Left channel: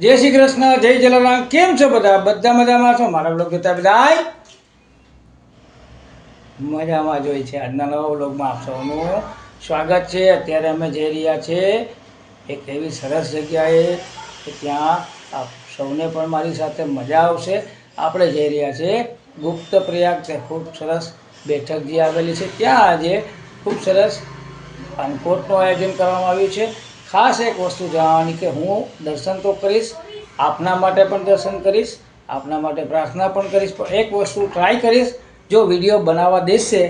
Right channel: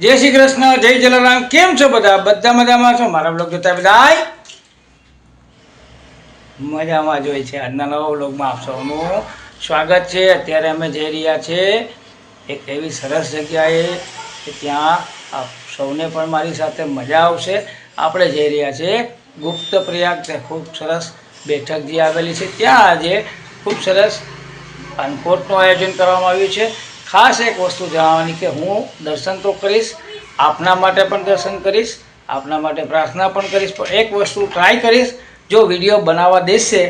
जय श्री कृष्ण, जय जलाराम। केम छो बधा? बधा मजामां छो? मारा ब्लॉग जोता बधाय मजामां ज होय छे। आजना नवा ब्लॉगमां आप सौनुं स्वागत छे। अत्यारे अमे जई रह्या छे एक एवी सरस जग्याए के त्यां आप सौने पण मारी साथे मजा आवशे। आपणे जई रह्या छे गुप्त प्रयाग। त्यां खूब सरस बेठक जे आवेली छे त्यां आजे खूब सरस अन्नकूटનું आयोजन કરવામાં આવ્યું છે। खास एक वस्तु जणावવાની કે હું दर्शन तो करीश, आपना माटे पण दर्शन करीश, आपना माटे प्रार्थना पण करीश, पण एक वस्तु ट्राय करीश। जो विडियो बनावा देशे,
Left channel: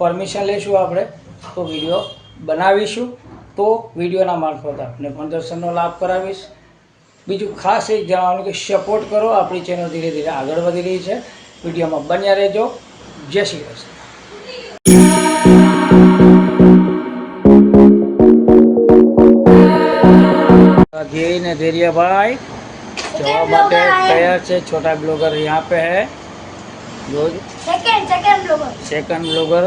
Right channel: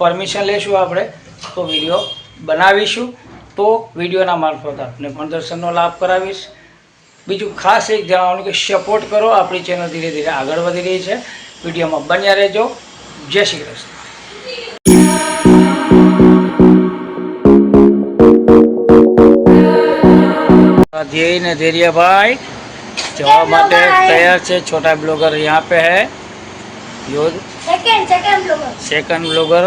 परमिशन लेशुं आपणे तो विडियो बनावीशुं, तो विडियोना मार्फत आपने पण दर्शननो लाभ करावीश। बीजुं खास एक जणावવાનું કે सपोर्ट करो। आपणी चेनल धीरे धीरे आगळ वधी रही છે। विडियोमां बन्या रहेजो। जय श्री कृष्ण। जय ने धैर्य भाई जवाब माटे तैयार है। छोटा ब्लॉगर यहाँ पे है। जो सेकंड ब्लॉगर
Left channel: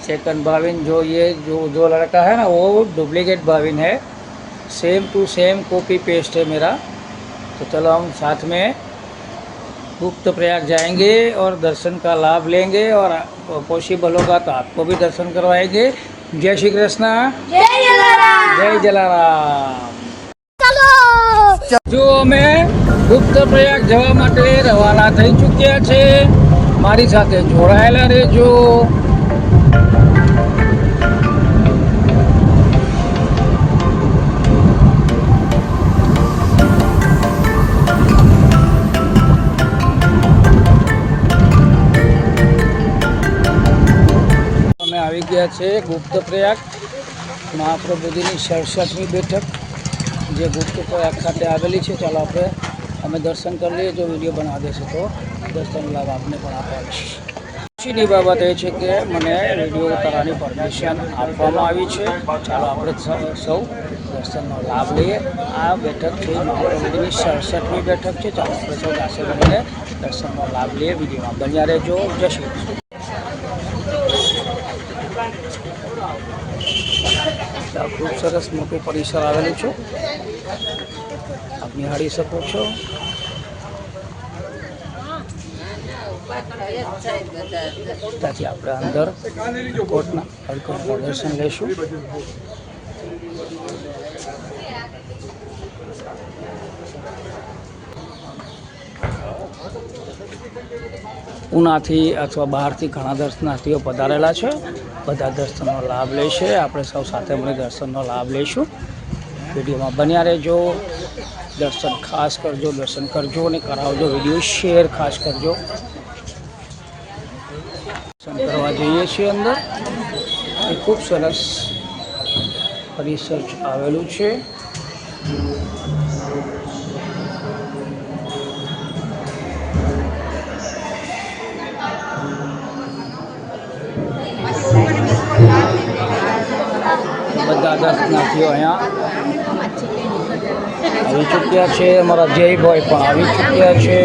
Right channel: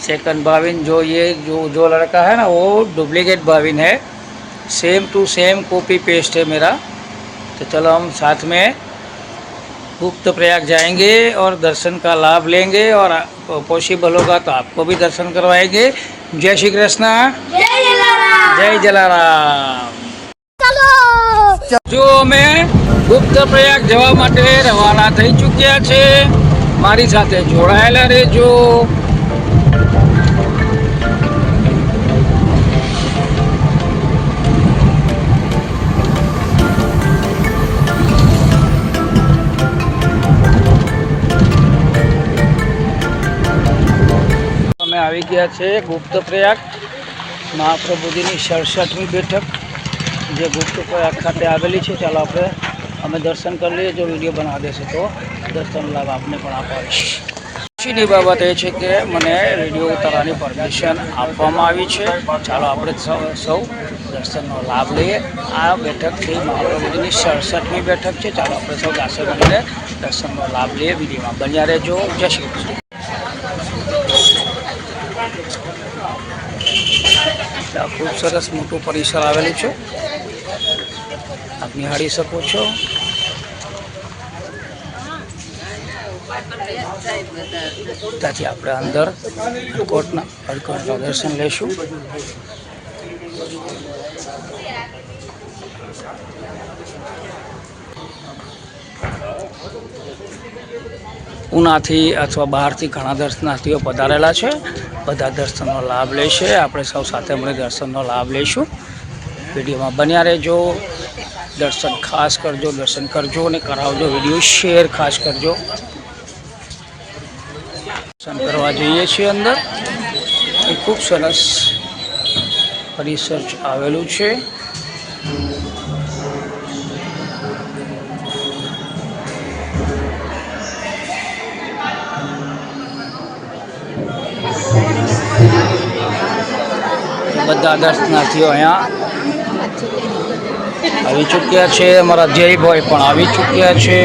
सेकंड भाविन। जो लड़का है ना वो डुप्लीकेट भाविन है। Same to same copy paste है मेरा। तो चलो हम साथ में गुप्त प्रयाग जाएंगे और दर्शन का लाभ लेंगे, और पॉसिबल होगा तो आपको भी दर्शन करवाएंगे। जय श्री कृष्ण, जय जलाराम। जो अमे गुप्त प्रयाग जवा माटे रवाना थई चूक्या छे। मारी साथे जोड़ायेला रहेजो। अमे आवी गया छे गुप्त प्रयाग। महाप्रभुजीनी 67મી બેઠક જે ગુપ્ત પ્રયાગ ખાતે આવેલી છે। ચાલો આપણે અમે દર્શન કરી લઈએ। જો વિડીયો બનાવી દેશે તો દર્શન લાભ આપને પણ અપાવીશ। ખુશીની બાબત એ છે કે મને વિડીયો ઉતારવાની પરમિશન આપવામાં આવી છે। ચાલો આપણે સૌ દર્શનનો લાભ લઈએ। આ બેઠક છે મહાપ્રભુજીની 67મી બેઠક છે। ચાલો આપણે સૌ સાથે મળીને દર્શનનો લાભ લઈએ। વિડીયોમાં બન્યા રહેજો। જય શ્રી કૃષ્ણ। खूब सरस मोटू परिसर आवेलू छे, आप निहाળી શકો છો। ત્યાંથી આપણે અંદર અડકોટના દર્શન લેશું। ઉનાથી અથવા બહારથી ઘણા દર્શનાર્થીઓ પધારેલા છે। બધા દર્શનનો લાભ લેશે। આપણે સૌ સાથે મળી દર્શનનો લાભ લઈશું। વિડીયોમાં બન્યા રહેજો। દર્શન ખાસ કરજો, દર્શન કરજો અને કરાવજો। વિડીયો શેર ખાસ કરજો। દર્શન કરવા જઈએ છીએ અંદર। એ ખૂબ સરસ પરિસર આવેલું છે। બધા દર્શનાર્થીઓ અહીંયા આવી ચૂક્યા છે। અમારા જયભાઈ પણ આવી ચૂક્યા છે।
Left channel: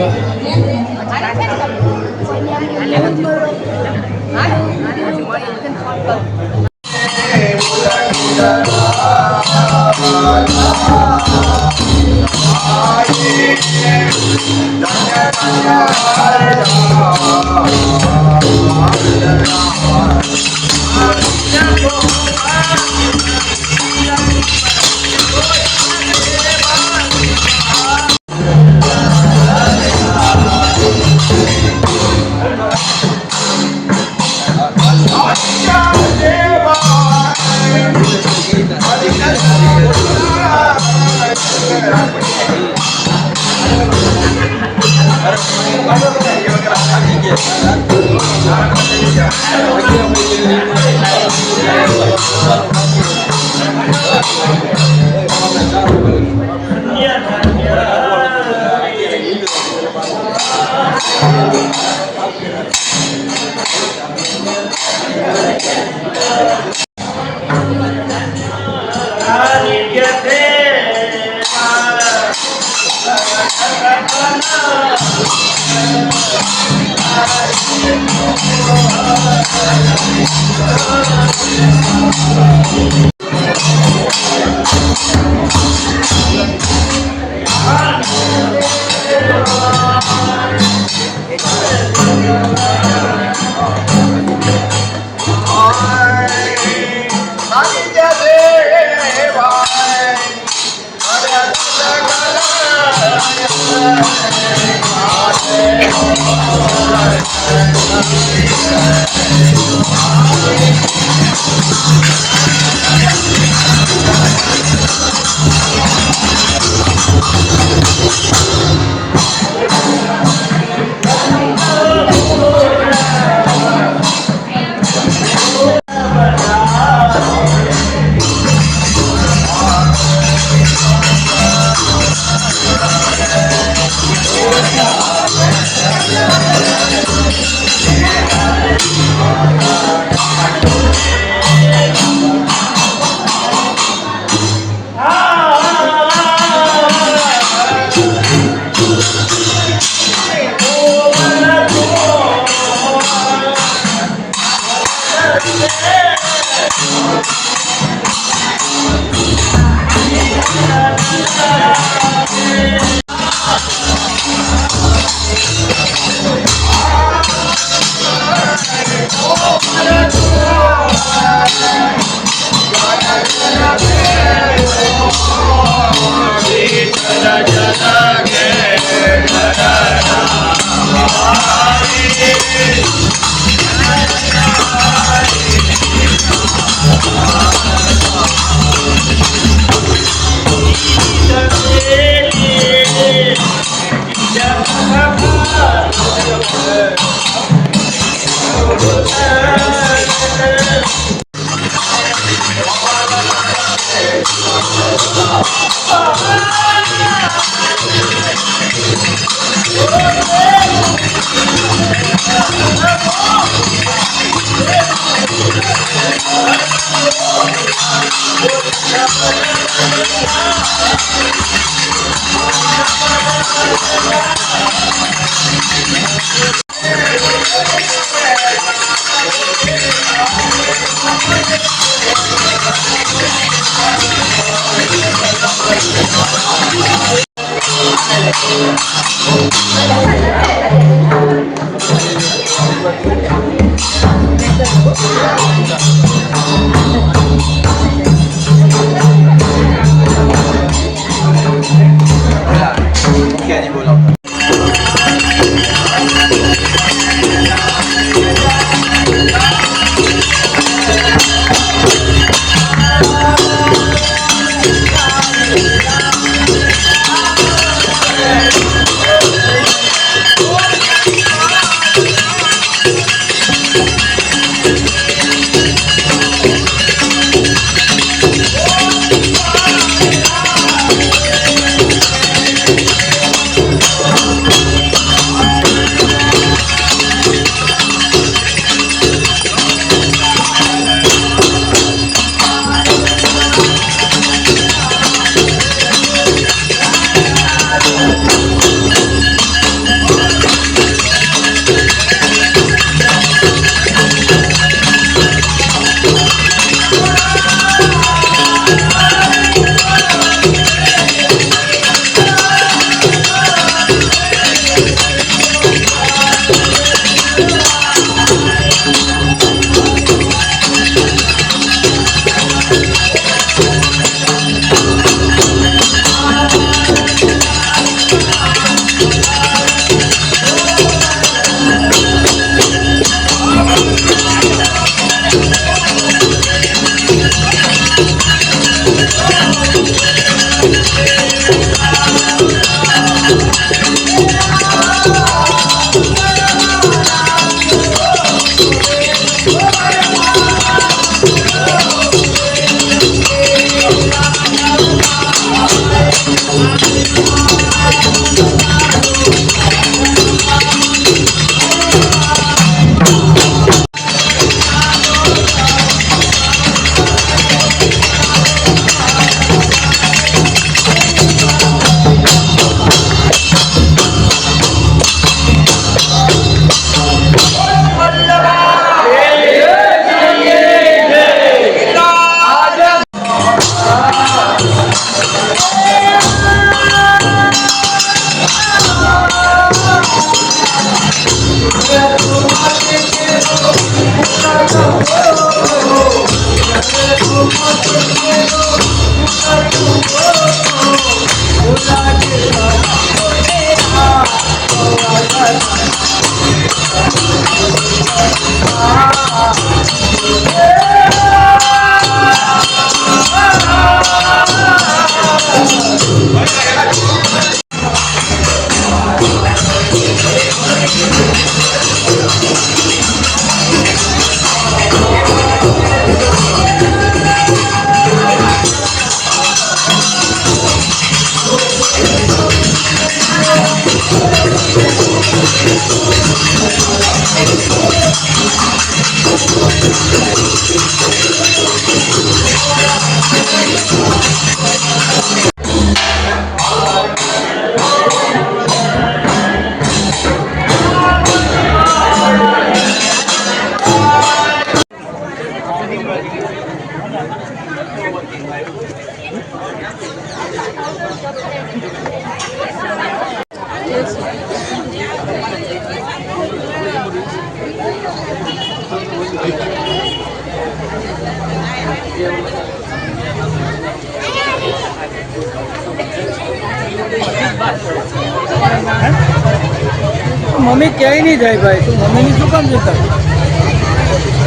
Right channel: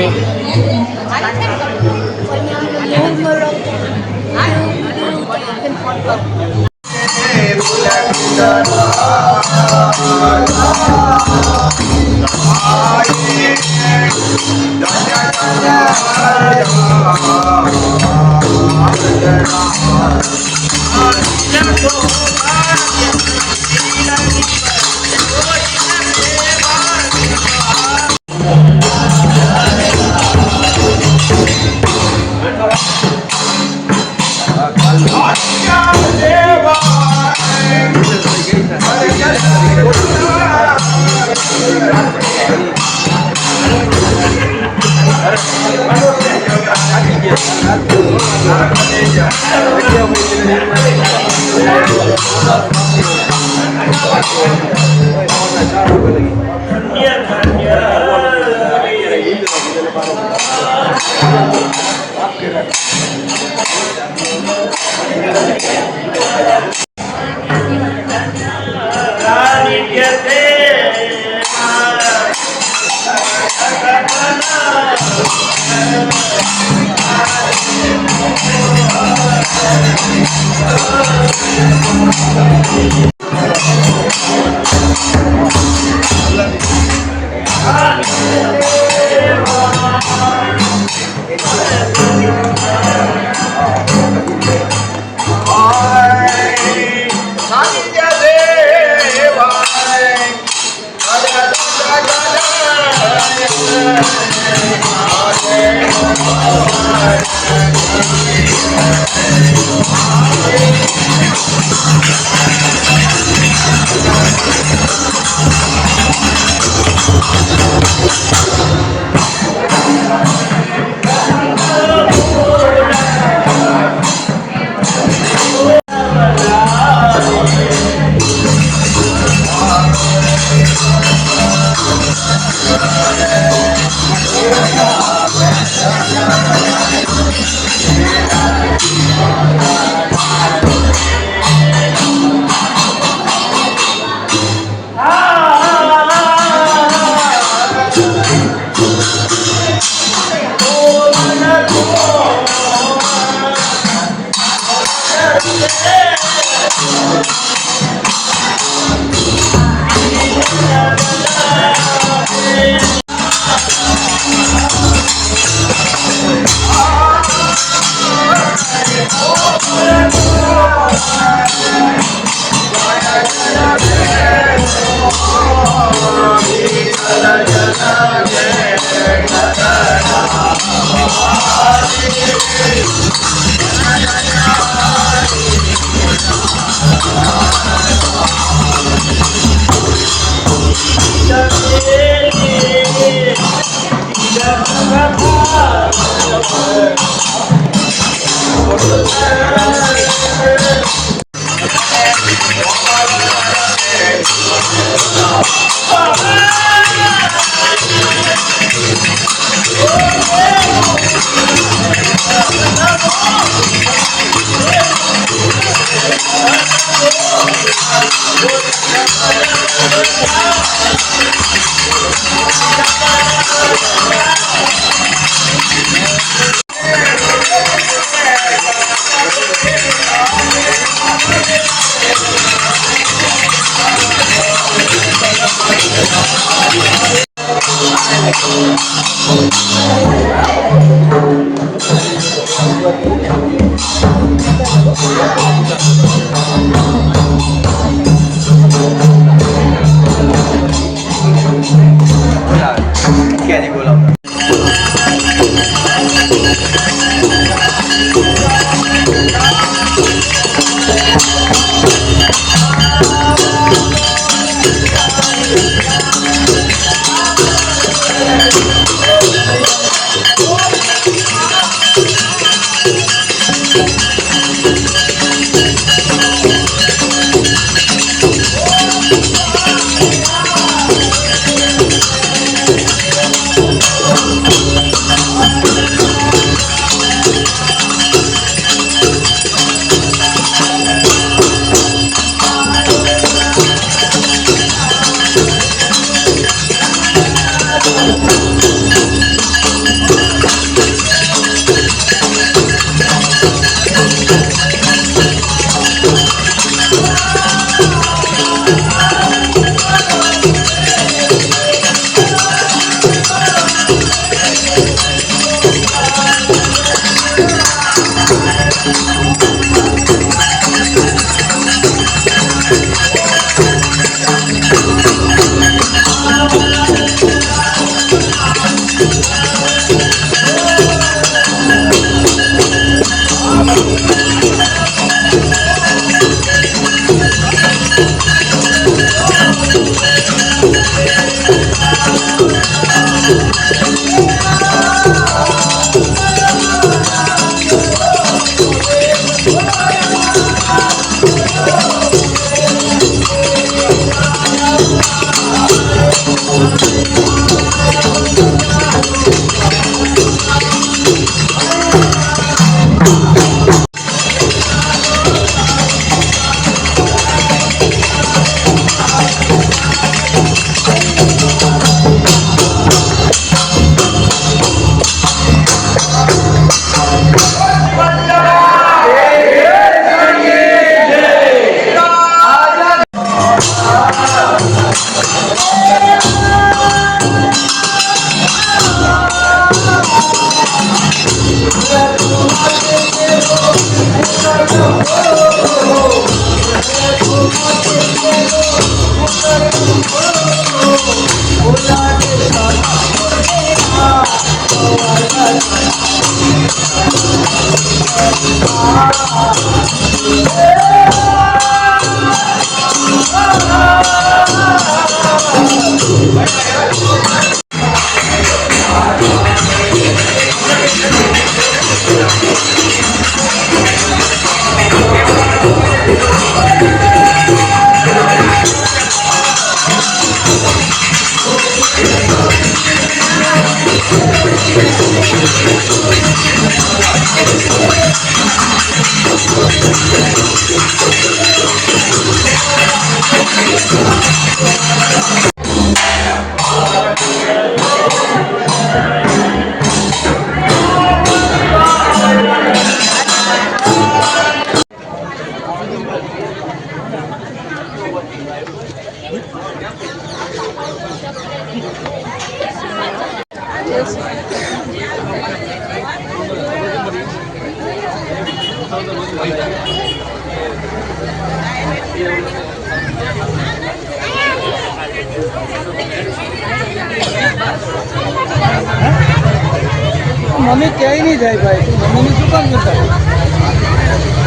મમ્મી ક્યાંય નહીં જાય ભાઈ, તું મમ્મીની શું કામ જતા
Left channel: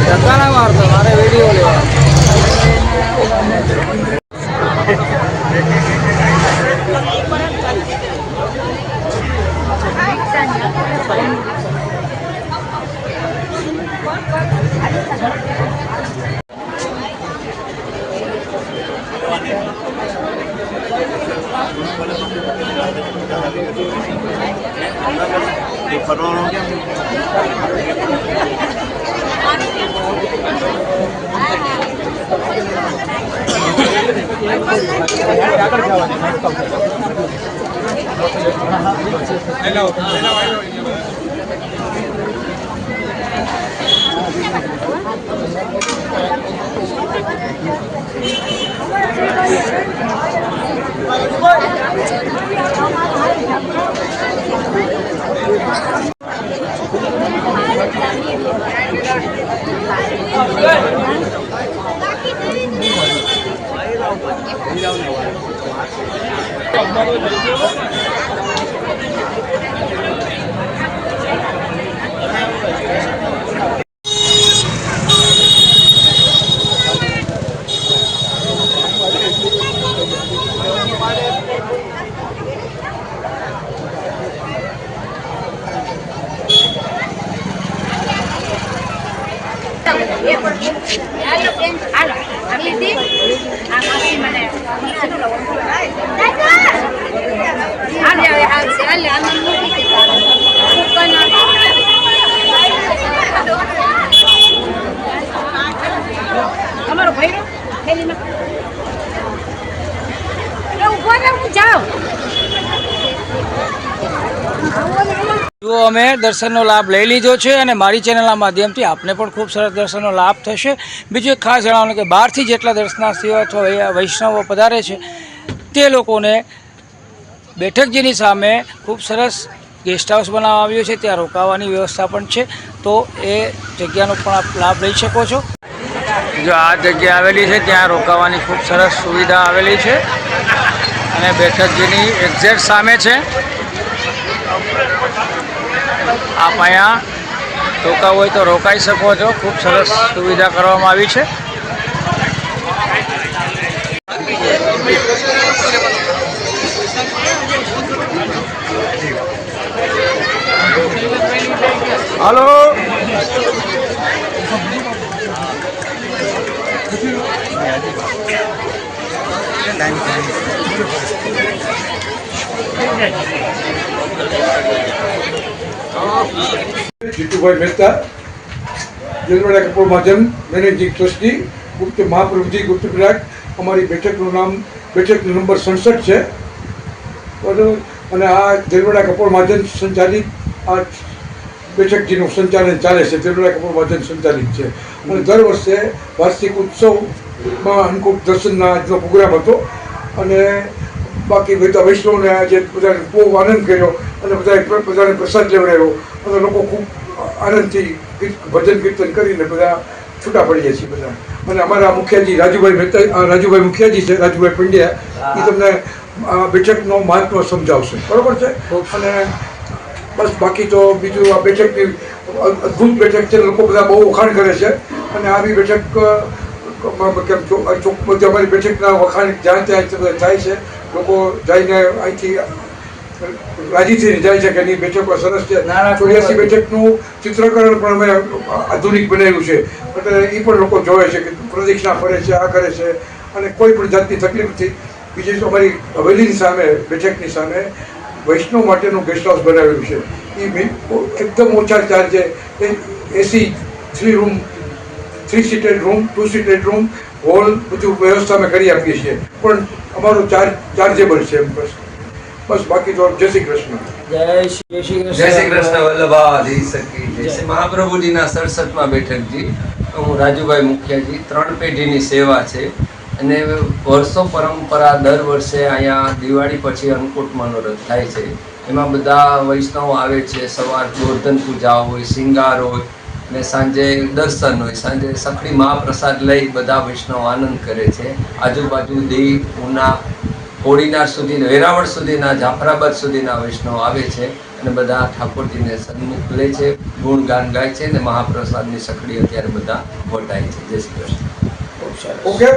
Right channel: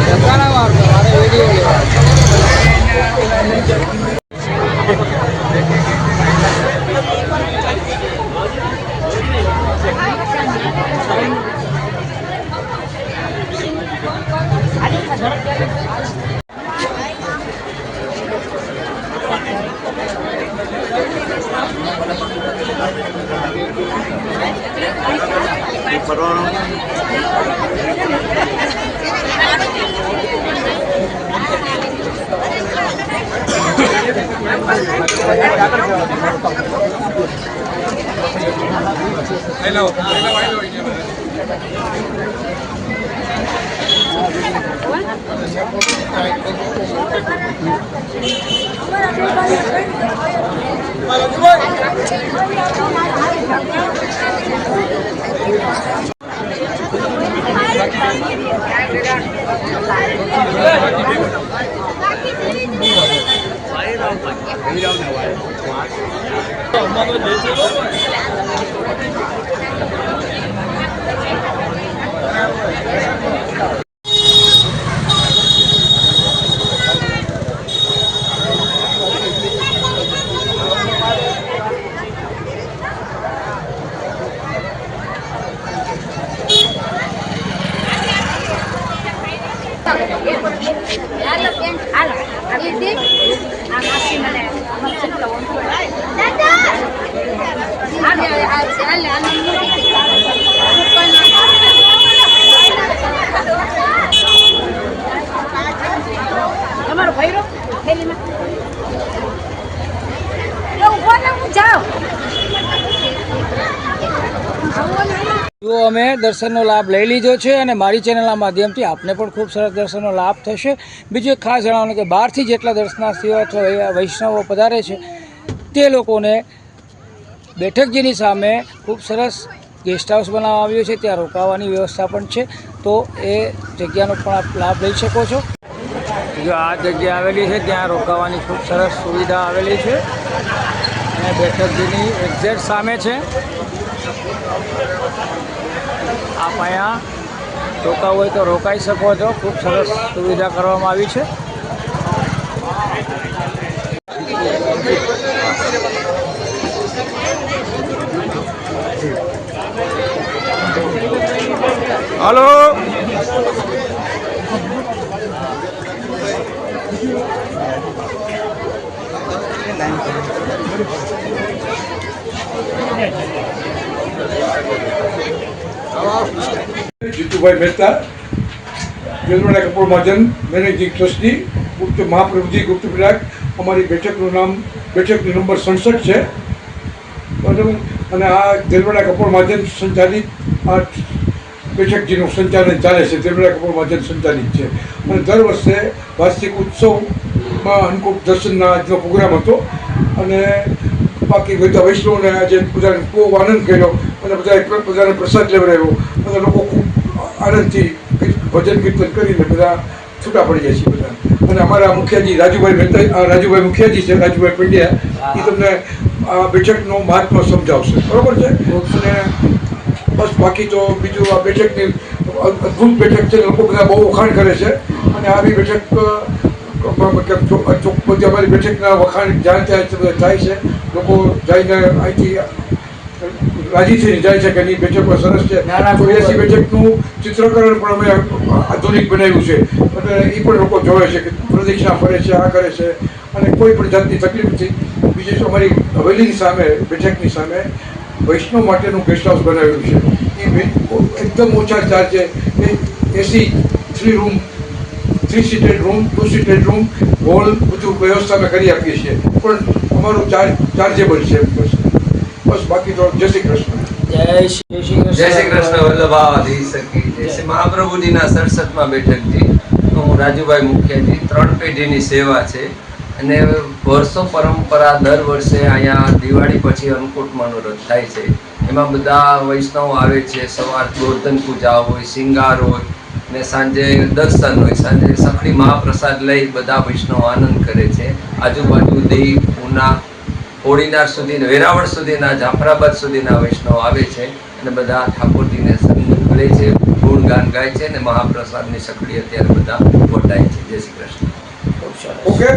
ધક્કા ના મારતો, મારે વિડીયો લેવા જો અમે દર્શનનો લાભ લઈ લીધો છે અને મારી ચેનલના માધ્યમથી આપને પણ ખૂબ સરસ દર્શનનો લાભ થશે. બીજું એક ખાસ જણાવવાનું કે બહારથી જેટલા દર્શનાર્થીઓ અથવા વૈષ્ણવો પધારે છે તે લોકોને બેઠકજીની સામે ખૂબ સરસ ગેસ્ટ હાઉસ બનાવવામાં આવ્યો છે, ત્યાં રોકાવાની વ્યવસ્થા પણ છે, તો એ જગ્યાનો પણ આપ લાભ લઈ શકો છો. જો આ જગ્યા આવેલી છે ત્યાં રોકાવાની ખૂબ સરસ સુવિધા આવેલી છે અને બેઠકજીની એક્ઝેક્ટ સામે છે. આપ અહીંયા રોકાવું હોય તો રોકાઈ શકો છો. ખૂબ સરસ સુવિધા કરવામાં આવી છે. હાલો જીતુભાઈ મહેતા, જેલવાડા કપોળ મહાજન, મેનેજિંગ ટ્રસ્ટી, ગુપ્ત મહાપ્રભુજી ગુપ્ત પ્રયાગ. અમારી બેઠકનું નામ બેઠક નંબર 67 છે, બરાબર. અને આ જેલવાડા કપોળ મહાજન સંચાલિત આ બેઠકજીનું સંચાલન ચાલે છે. જેલવાડા કપોળ મહાજન સંચાલિત છે અને દર વર્ષે વાર્ષિક ઉત્સવમાં અન્નકૂટ દર્શનના આજનો પ્રોગ્રામ હતો અને બાકી બધા વૈષ્ણવને આજે બધાને ખૂબ આનંદ કર્યો અને બધાને પ્રસાદ લેવડાવ્યો અને લોકો ખૂબ આનંદથી ભજન કીર્તન કરીને બધા છૂટા પડીએ છીએ બધા. અને અમારા મુખિયાજી રાજુભાઈ મહેતા, રાજુભાઈ મુખિયાજી છે, રાજુભાઈ પંડ્યા, એ તમને આ બેઠકનો મહાત્મા સમજાવશે, બરોબર છે. અને બસ બાકી તો બીજું આ બેઠકની અદ્ભુત બેઠક છે, લોકો બધા બહુ વખાણ કરે છે અને આવી બેઠક અમારી બેઠકના વખાણ જ્યાં ત્યાં થાય છે. લોકો જઈને અહીંથી રાજી થઈને જાય છે કે એની બેઠકો સરસ છે. 84 બેઠકનું ચિત્રકરણ પણ અમે આધુનિક બનાવ્યું છે એટલે એ પણ લોકો જોવે છે કે પ્રદક્ષિણા ફરે છે, આ કરે છે અને કોઈ પણ જાતની તકલીફ નથી. બીજી અમારી હવેલીની સામે બેઠકની સામે વૈષ્ણવ માટેનું ગેસ્ટ હાઉસ બનાવેલું છે. એ એકદમ ઓછા ચાર્જે AC 3 room, 3 seated room, 2 seated room, hall બધું વ્યવસ્થા અમે કરી આપીએ છીએ, પણ અમારો ચાર્જેબલ છે. બસ બાકી તો જય શ્રી કૃષ્ણ. જય શ્રી કૃષ્ણ વલ્લભાધીશ કી જય. શ્રી મહાપ્રભુજીના 67માં બેઠકજી. હું રાજુભાઈ મુખિયાજી. 3 પેઢીની સેવા છે અને વર્ષો પરંપરા દર વર્ષે અહીંયા દિવાળી પછી અન્નકૂટ મનોરથ થાય છે. એમાં બધા વૈષ્ણવ આવે છે. સવાર ગોર્ધન પૂજા હોય, શિંગાર હોય ને સાંજે દર્શન હોય. સાંજે સખડી મહાપ્રસાદ લઈ બધા વૈષ્ણવ આનંદ કરે છે. આજુબાજુ દીવ, ઉના, કોડીનાર સુધી, વેરાવળ સુધીના, જાફરાબાદ સુધીના વૈષ્ણવ આવે છે અને બધા ઠાકોરજીને સન્મુખ લે છે, ગુણગાન ગાય છે અને મહાપ્રસાદની સખડી અત્યારે બધા વટાય છે. જય શ્રી કૃષ્ણ. ઓકે.